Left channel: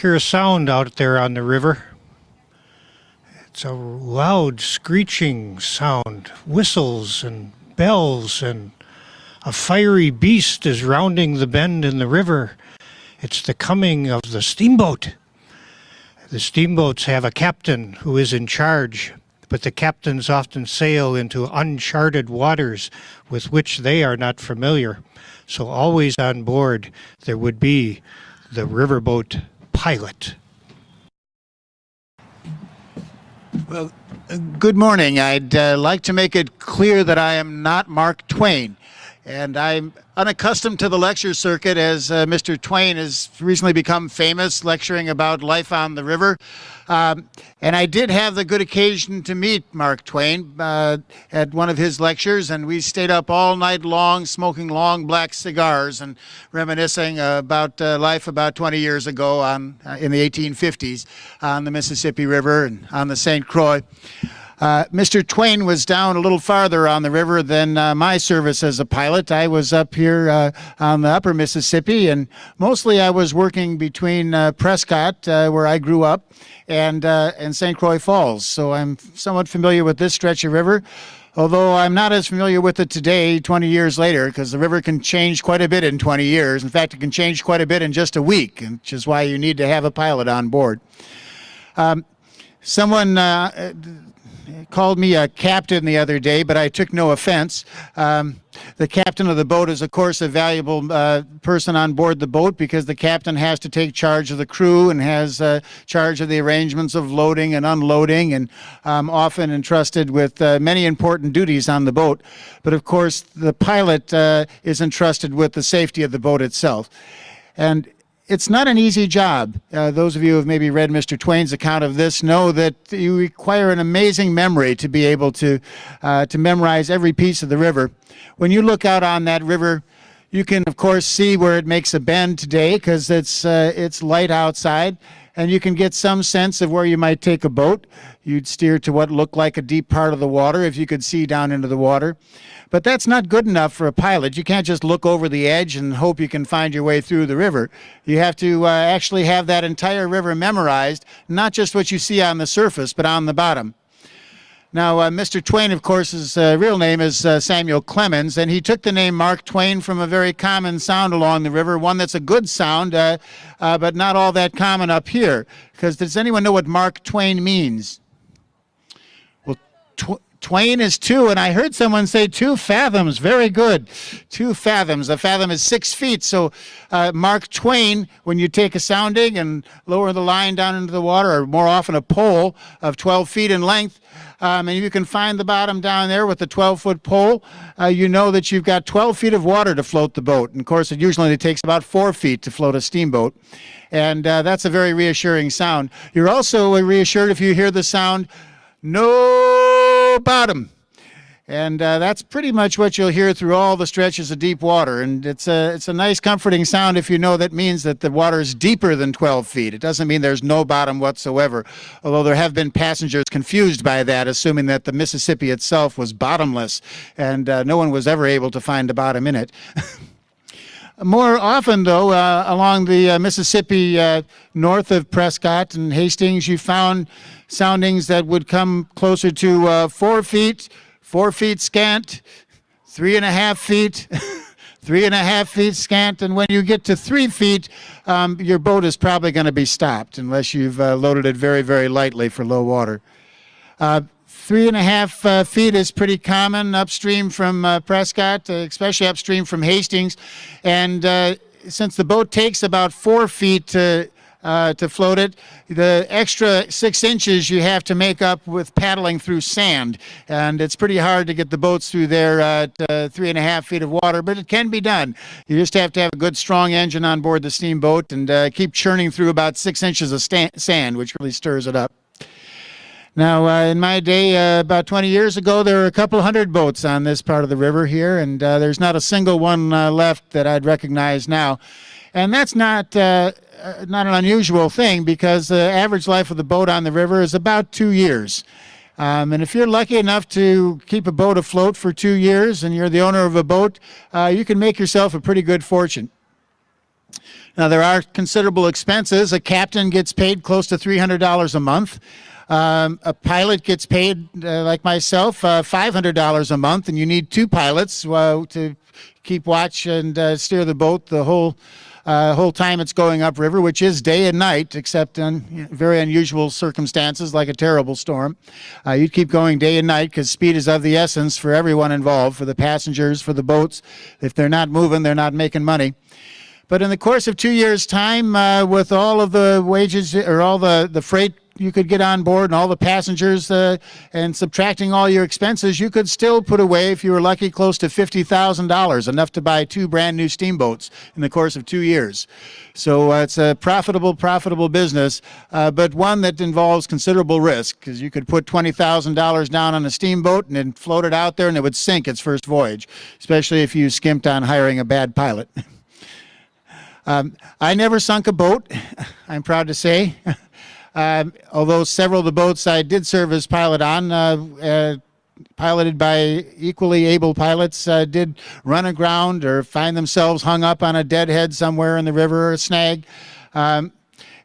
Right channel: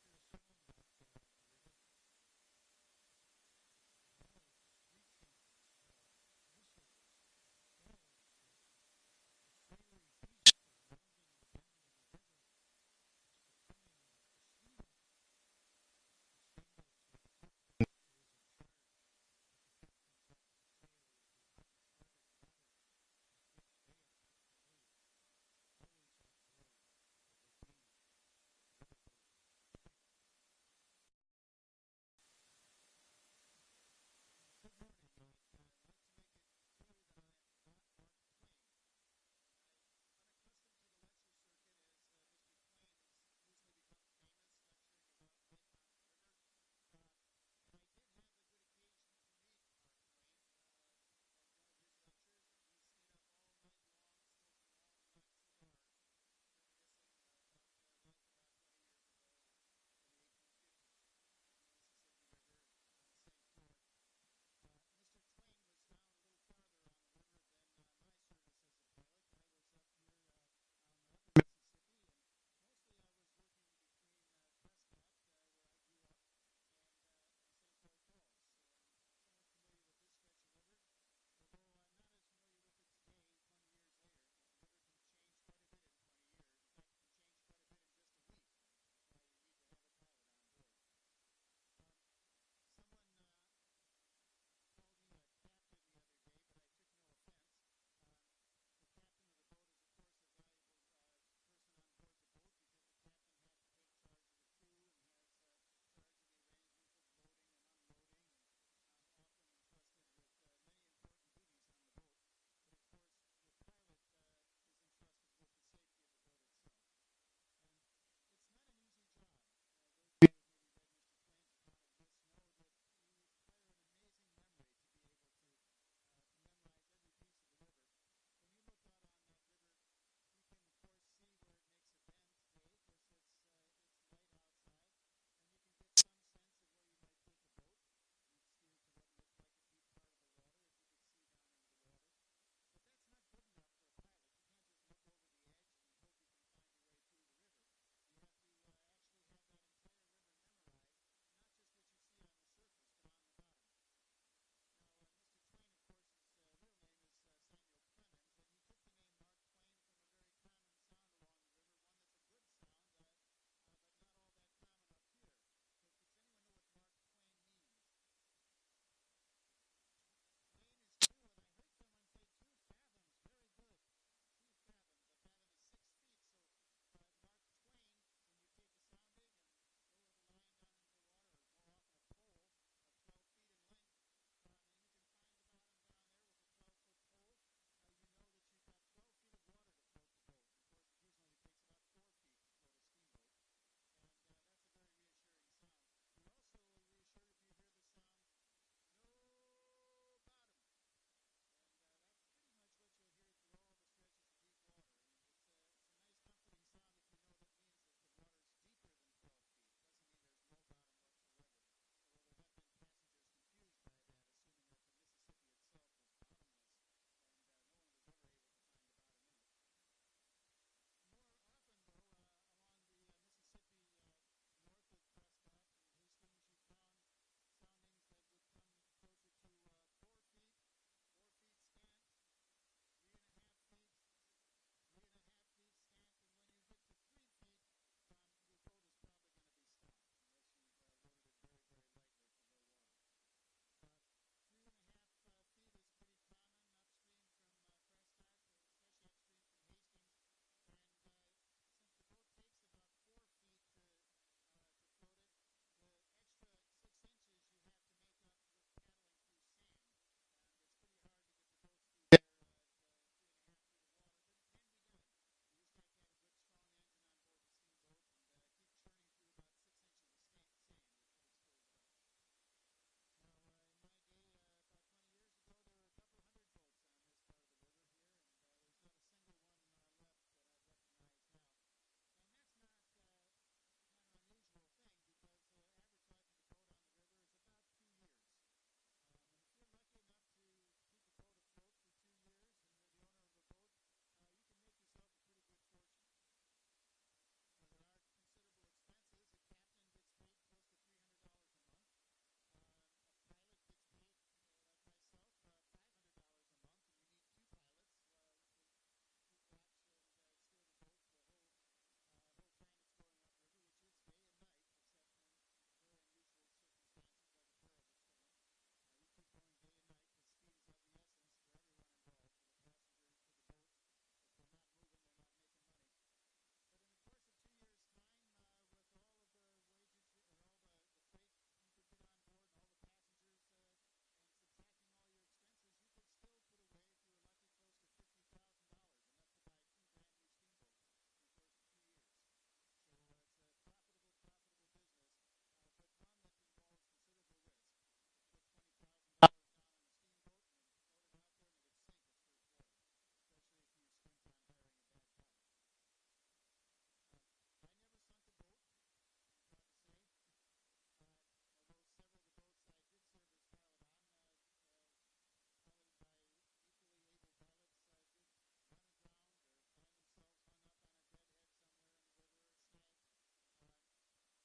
hear a sound out there on the river. It's a loud screeching sound, whistles and bells, and a fiery beast is rounding the bend in the river. It's the coming of the steamboat. The steamboats have a captain who is in charge, but the captains often sail into uncharted waters with which they are not familiar. So always on board there would be the riverboat pilot. Well, good morning. I'd like to make it clear that I am not Mark Twain, and I'm unaccustomed to the lecture circuit as Mr. Twain has recently become famous lecturing about life on the river. And I did have the good occasion to meet Mark Twain at one of his lectures, and we stayed up all night long smoking long black cigars and reminiscing about life about 20 years ago in the 1850s on the Mississippi River and on the St. Croix. Mr. Twain was down a little farther on the river than my service as a pilot. I was up here on the upper Mississippi, and mostly I was working between Prescott, where I grew up, and St. Croix Falls. So I'm somewhat familiar with this stretch of river, although I'm not as familiar with it today, 20 years later, because the river can change quite a bit in 20 years. In fact, it can change quite a bit in just a week, which is why you need to have a pilot on board. Someone called me a captain the other day, but I took no offense. The captain of the boat is, of course, a valuable person on board the boat because the captain has to take charge of the crew and has charge of the arrangements of loading and unloading, and often entrusted with many important duties on the boat. But, of course, the pilot is entrusted with the safety of the boat itself. And it's not an easy job. Those of you who have maybe read Mr. Twain's account of this know that you require an amazing memory to be able to memorize every piece of the river. When you look out on that river, you can, of course, see where it makes a bend today because it's light outside, and you can get some sense of where you might take a boat. You'd steer to what looked like a deep part of the water if you could see down into the water. But that's not good enough for a pilot. You can't just look over the edge and hope you can find your way through the river. You have to actually have that entire river memorized, not just what you see on the surface, but on the bottom. Now, Mr. Twain, of course, his real name is Samuel Clemens, and he took the name Mark Twain from a very common sound along the river, one that's a good sound, but not all that common up here. Because does anyone know what Mark Twain means? Well, Twain is 2, and I heard someone say 2 fathoms. Very good. 2 fathoms. A fathom is 6 feet. So Mark Twain, when you take a sounding and lower the line down into the water, or more often a pole of 12 feet in length, and you can find the bottom down there with the 12-foot pole, you know that you've got 12 feet of water to float the boat. And, of course, it usually takes about 4 feet to float a steamboat. And that's a very reassuring sound. You're also reassured if you hear the sound, no bottom. And that's pretty much what you'll hear through all the stretches of deep water. And it's a nice, comforting sound if you know that means that the water is deeper than 12 feet. It doesn't mean there's no bottom whatsoever, although there have been passengers confused by that, assuming that the Mississippi itself was bottomless, and no one was ever able to find a bottom in it. More often, though, along the Mississippi north of Prescott and Hastings, you found soundings that would come closer to 4 feet, 4 feet scant, 3.5 feet, 3.5 feet scant, and when you get to 3 feet, your boat is probably going to be stopped unless you've loaded it very, very lightly for low water. 3.5 feet is pretty common upstream from Prescott, especially upstream from Hastings, and since the boat takes about 4 feet to float it, the extra 6 inches you have to make up with paddling through sand, and it's pretty hard to get the boats through there at 3.5 feet of water, but it can be done. You just have to have a good strong engine on board the steamboat and keep churning through about 6 inches of sand, which really stirs it up. Now, in my day, about 20 years ago, there were a couple hundred boats on this part of the river here, and there's not a single one left that I'd recognize now. And that's not an unusual thing because the average life of the boat on the river is about 2 years. And if you're lucky enough to keep a boat afloat for 2 years and you're the owner of a boat, you can make yourself a pretty good fortune. Now, there are considerable expenses. A captain gets paid close to $300 a month. A pilot gets paid, like myself, $500 a month, and you need two pilots to keep watch and steer the boat the whole time it's going upriver, which is day and night, except in very unusual circumstances like a terrible storm. You'd keep going day and night because speed is of the essence for everyone involved, for the passengers, for the boats. If they're not moving, they're not making money. But in the course of 2 years' time, with all of the wages or all the freight you could get on board and all the passengers and subtracting all your expenses, you could still put away, if you were lucky, close to $50,000, enough to buy 2 brand new steamboats in the course of 2 years. So it's a profitable business, but one that involves considerable risk, because you could put $20,000 down on a steamboat and then float it out there and it would sink its first voyage, especially if you skimped on hiring a bad pilot. I never sunk a boat, I'm proud to say. Although several of the boats I did serve as pilot on, piloted by equally able pilots, did run aground or find themselves hung up on a deadhead somewhere in the river or a snag.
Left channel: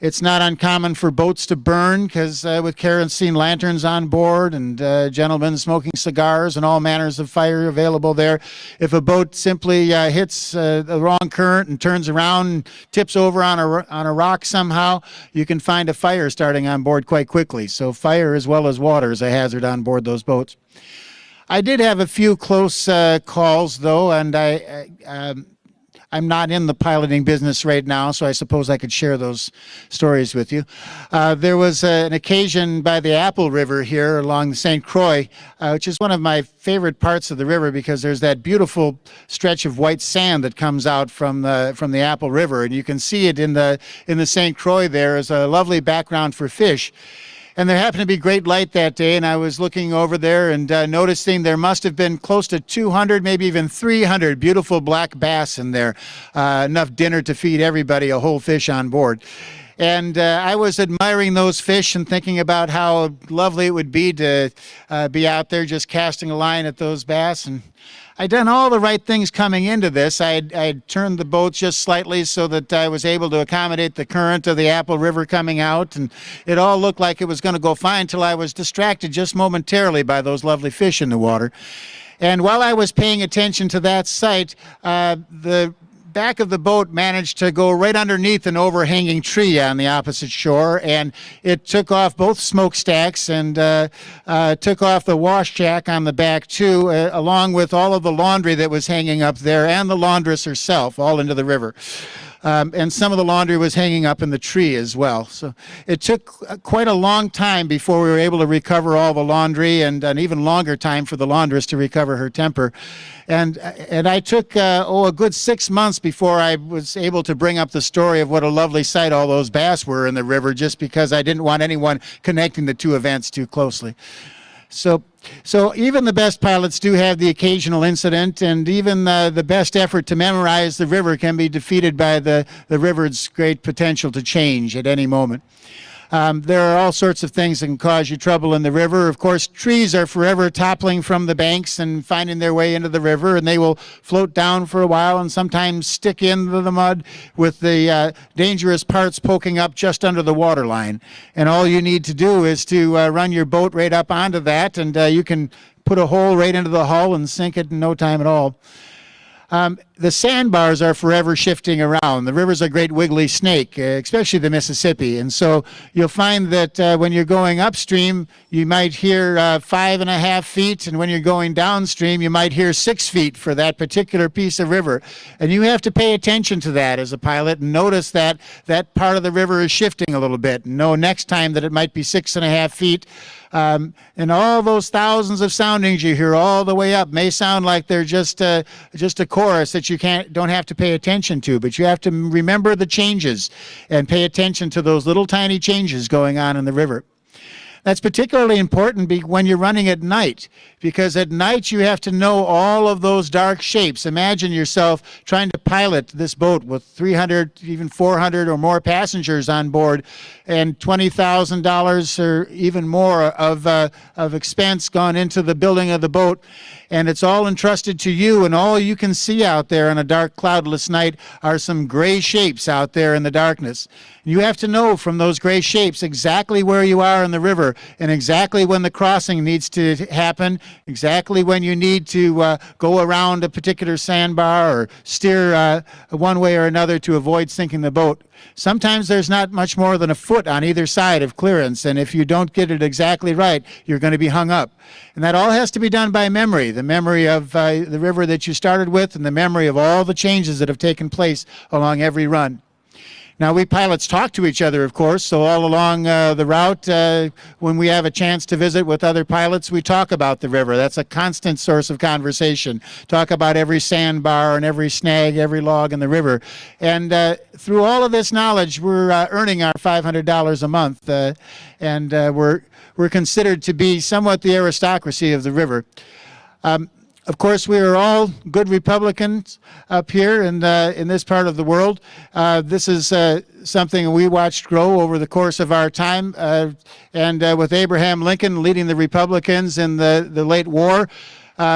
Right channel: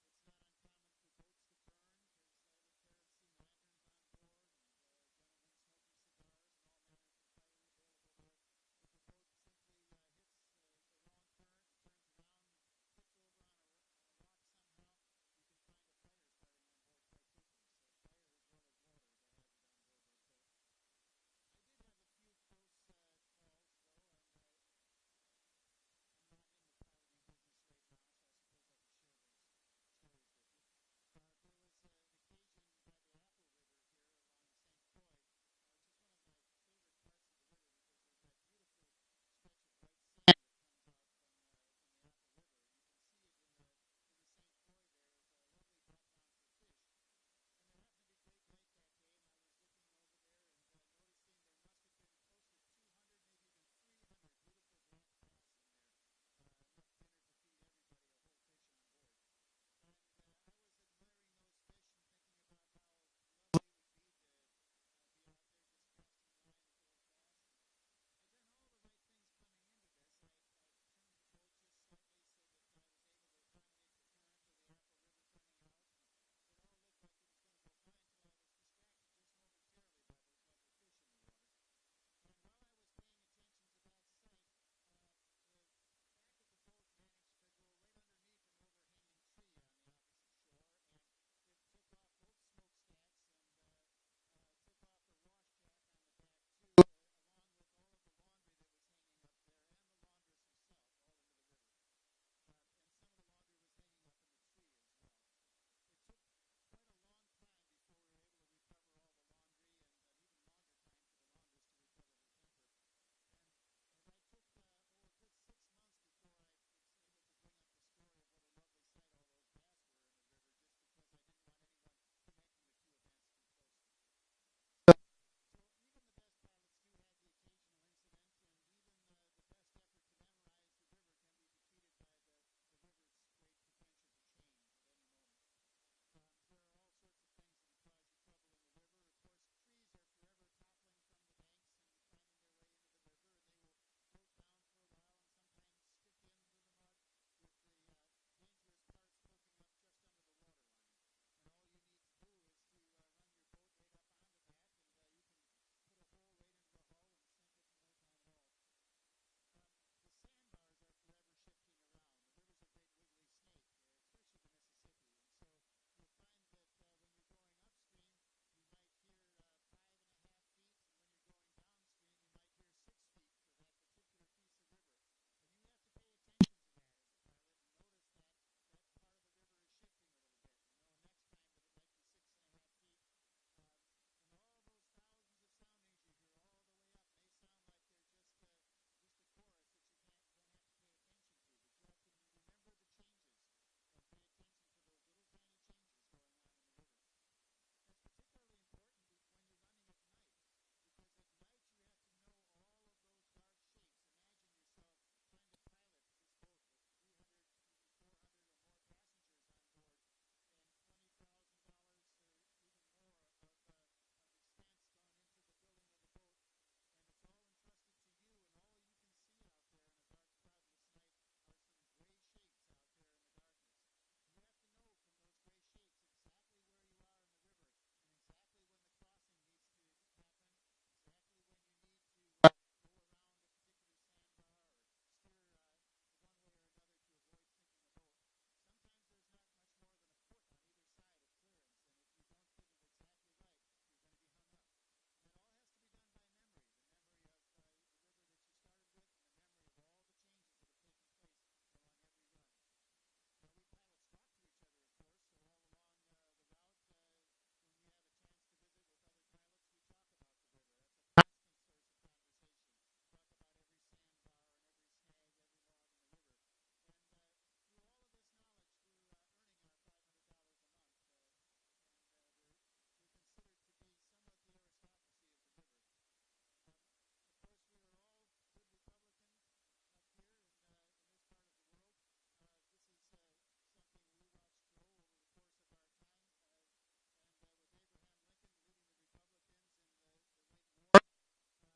It's not uncommon for boats to burn because with kerosene lanterns on board and gentlemen smoking cigars and all manners of fire available there. If a boat simply hits the wrong current and turns around and tips over on a rock somehow, you can find a fire starting on board quite quickly. So fire as well as water is a hazard on board those boats. I did have a few close calls though, and I'm not in the piloting business right now, so I suppose I could share those stories with you. There was an occasion by the Apple River here along the St. Croix, which is one of my favorite parts of the river because there's that beautiful stretch of white sand that comes out from the Apple River, and you can see it in the St. Croix there as a lovely background for fish. And there happened to be great light that day, and I was looking over there and noticing there must have been close to 200, maybe even 300 beautiful black bass in there, enough dinner to feed everybody a whole fish on board. And I was admiring those fish and thinking about how lovely it would be to be out there just casting a line at those bass. And I'd done all the right things coming into this. I'd turned the boat just slightly so that I was able to accommodate the current of the Apple River coming out, and it all looked like it was going to go fine until I was distracted just momentarily by those lovely fish in the water. And while I was paying attention to that sight, the back of the boat managed to go right underneath an overhanging tree on the opposite shore, and it took off both smokestacks and took off the wash jack on the back too, along with all of the laundry that was hanging up there and the laundress herself, all into the river. And some of the laundry was hanging up in the tree as well. So it took quite a long time before we were able to recover all the laundry, and an even longer time for the laundress to recover her temper. And I took, a good 6 months before I was able to bring up the story of what a lovely sight all those bass were in the river, just because I didn't want anyone connecting the two events too closely. So even the best pilots do have the occasional incident, and even the best effort to memorize the river can be defeated by the river's great potential to change at any moment. There are all sorts of things that can cause you trouble in the river. Of course, trees are forever toppling from the banks and finding their way into the river, and they will float down for a while and sometimes stick into the mud with the dangerous parts poking up just under the water line. And all you need to do is to run your boat right up onto that, and you can put a hole right into the hull and sink it in no time at all. The sandbars are forever shifting around. The river's a great wiggly snake, especially the Mississippi. And so you'll find that when you're going upstream, you might hear 5.5 feet, and when you're going downstream, you might hear 6 feet for that particular piece of river. And you have to pay attention to that as a pilot and notice that that part of the river is shifting a little bit. And know next time that it might be 6.5 feet. And all those thousands of soundings you hear all the way up may sound like they're just a chorus that you don't have to pay attention to, but you have to remember the changes and pay attention to those little tiny changes going on in the river. That's particularly important when you're running at night, because at night you have to know all of those dark shapes. Imagine yourself trying to pilot this boat with 300, even 400 or more passengers on board, and $20,000 or even more of expense gone into the building of the boat. And it's all entrusted to you, and all you can see out there on a dark, cloudless night are some gray shapes out there in the darkness. You have to know from those gray shapes exactly where you are in the river, and exactly when the crossing needs to happen, exactly when you need to go around a particular sandbar or steer one way or another to avoid sinking the boat. Sometimes there's not much more than a foot on either side of clearance, and if you don't get it exactly right, you're going to be hung up. And that all has to be done by memory, the memory of the river that you started with, and the memory of all the changes that have taken place along every run. Now, we pilots talk to each other, of course, so all along the route, when we have a chance to visit with other pilots, we talk about the river. That's a constant source of conversation. Talk about every sandbar and every snag, every log in the river. And through all of this knowledge, we're earning our $500 a month, and we're considered to be somewhat the aristocracy of the river. Of course, we are all good Republicans up here in this part of the world. This is something we watched grow over the course of our time. And with Abraham Lincoln leading the Republicans in the late war,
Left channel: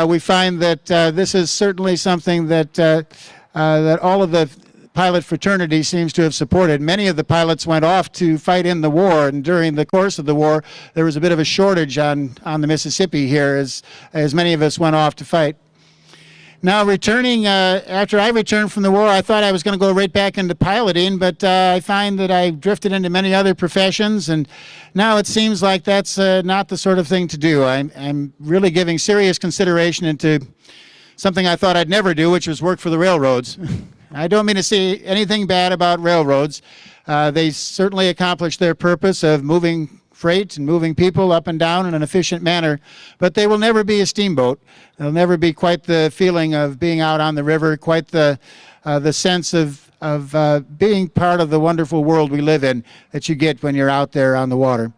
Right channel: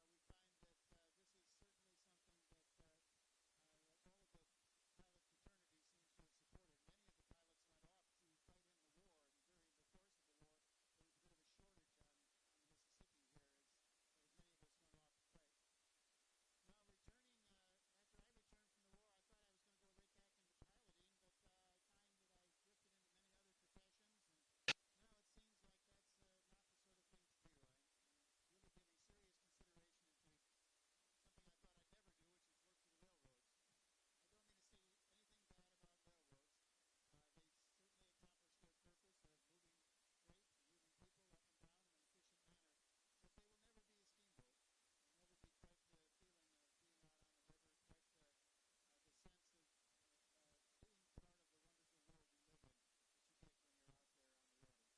we find that this is certainly something that, that all of the pilot fraternity seems to have supported. Many of the pilots went off to fight in the war, and during the course of the war, there was a bit of a shortage on the Mississippi here as many of us went off to fight. Now, returning, after I returned from the war, I thought I was going to go right back into piloting, but I find that I drifted into many other professions, and now it seems like that's not the sort of thing to do. I'm really giving serious consideration into something I thought I'd never do, which was work for the railroads. I don't mean to say anything bad about railroads. They certainly accomplish their purpose of moving freight and moving people up and down in an efficient manner, but they will never be a steamboat. They'll never be quite the feeling of being out on the river, quite the sense of being part of the wonderful world we live in that you get when you're out there on the water.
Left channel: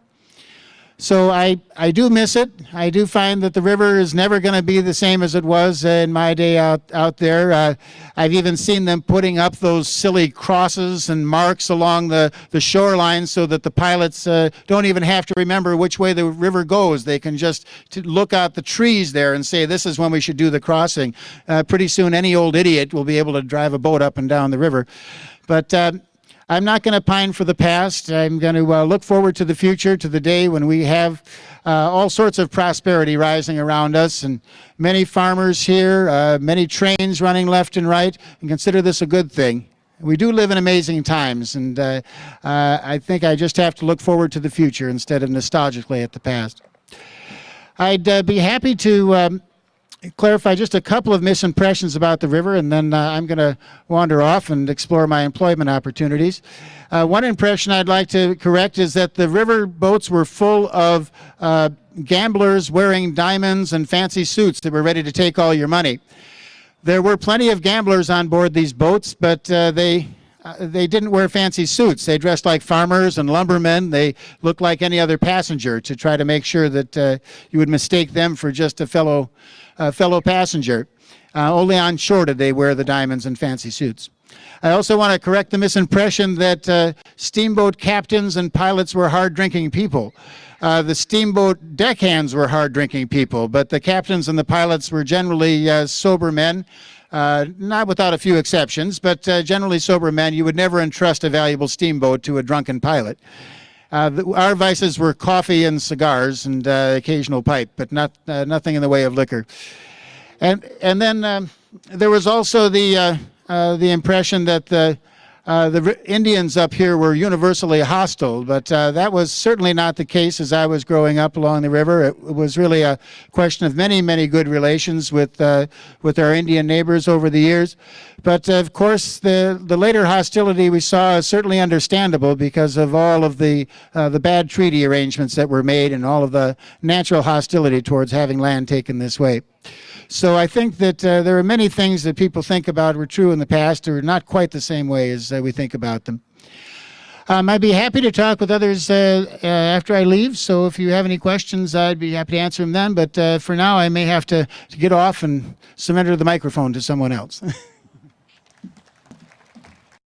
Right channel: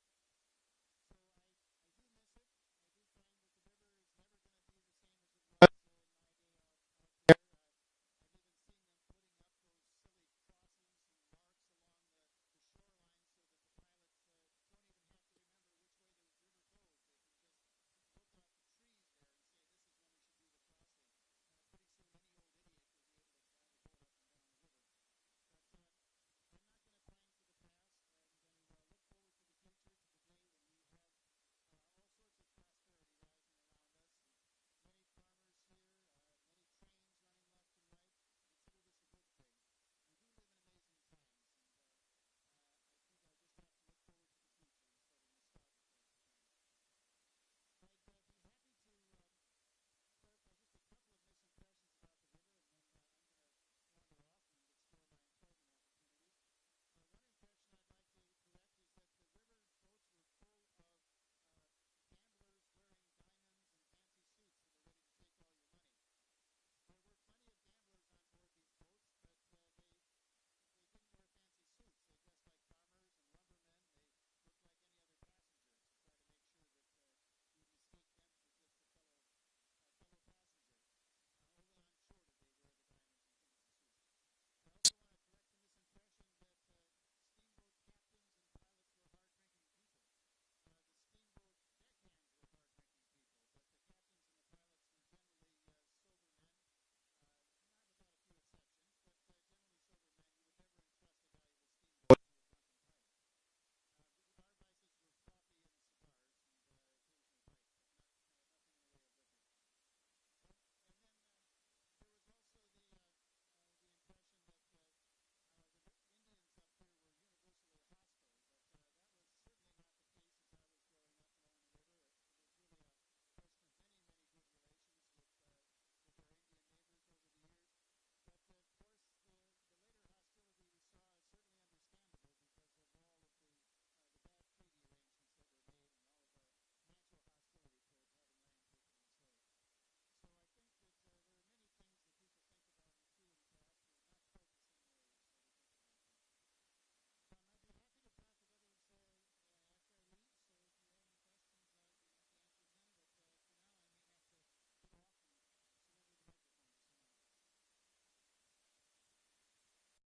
So I do miss it. I do find that the river is never going to be the same as it was in my day out there. I've even seen them putting up those silly crosses and marks along the shoreline so that the pilots don't even have to remember which way the river goes. They can just look out the trees there and say, this is when we should do the crossing. Pretty soon any old idiot will be able to drive a boat up and down the river. But I'm not going to pine for the past. I'm going to look forward to the future, to the day when we have all sorts of prosperity rising around us, and many farmers here, many trains running left and right, and consider this a good thing. We do live in amazing times, and I think I just have to look forward to the future instead of nostalgically at the past. I'd be happy to clarify just a couple of misimpressions about the river, and then I'm going to wander off and explore my employment opportunities. One impression I'd like to correct is that the river boats were full of gamblers wearing diamonds and fancy suits that were ready to take all your money. There were plenty of gamblers on board these boats, but they didn't wear fancy suits. They dressed like farmers and lumbermen. They looked like any other passenger to try to make sure that you would mistake them for just a fellow passenger. Only on shore did they wear the diamonds and fancy suits. I also want to correct the misimpression that steamboat captains and pilots were hard-drinking people. The steamboat deckhands were hard-drinking people, but the captains and the pilots were generally sober men, not without a few exceptions, but generally sober men. You would never entrust a valuable steamboat to a drunken pilot. Our vices were coffee and cigars and occasional pipe, but nothing in the way of liquor. And then there was also the impression that the Indians up here were universally hostile, but that was certainly not the case as I was growing up along the river. It was really a question of many, many good relations with our Indian neighbors over the years. But of course, the later hostility we saw is certainly understandable because of all of the bad treaty arrangements that were made and all of the natural hostility towards having land taken this way. So I think that there are many things that people think about were true in the past or not quite the same way as we think about them. I'd be happy to talk with others after I leave. So if you have any questions, I'd be happy to answer them then. But for now, I may have to get off and surrender the microphone to someone else.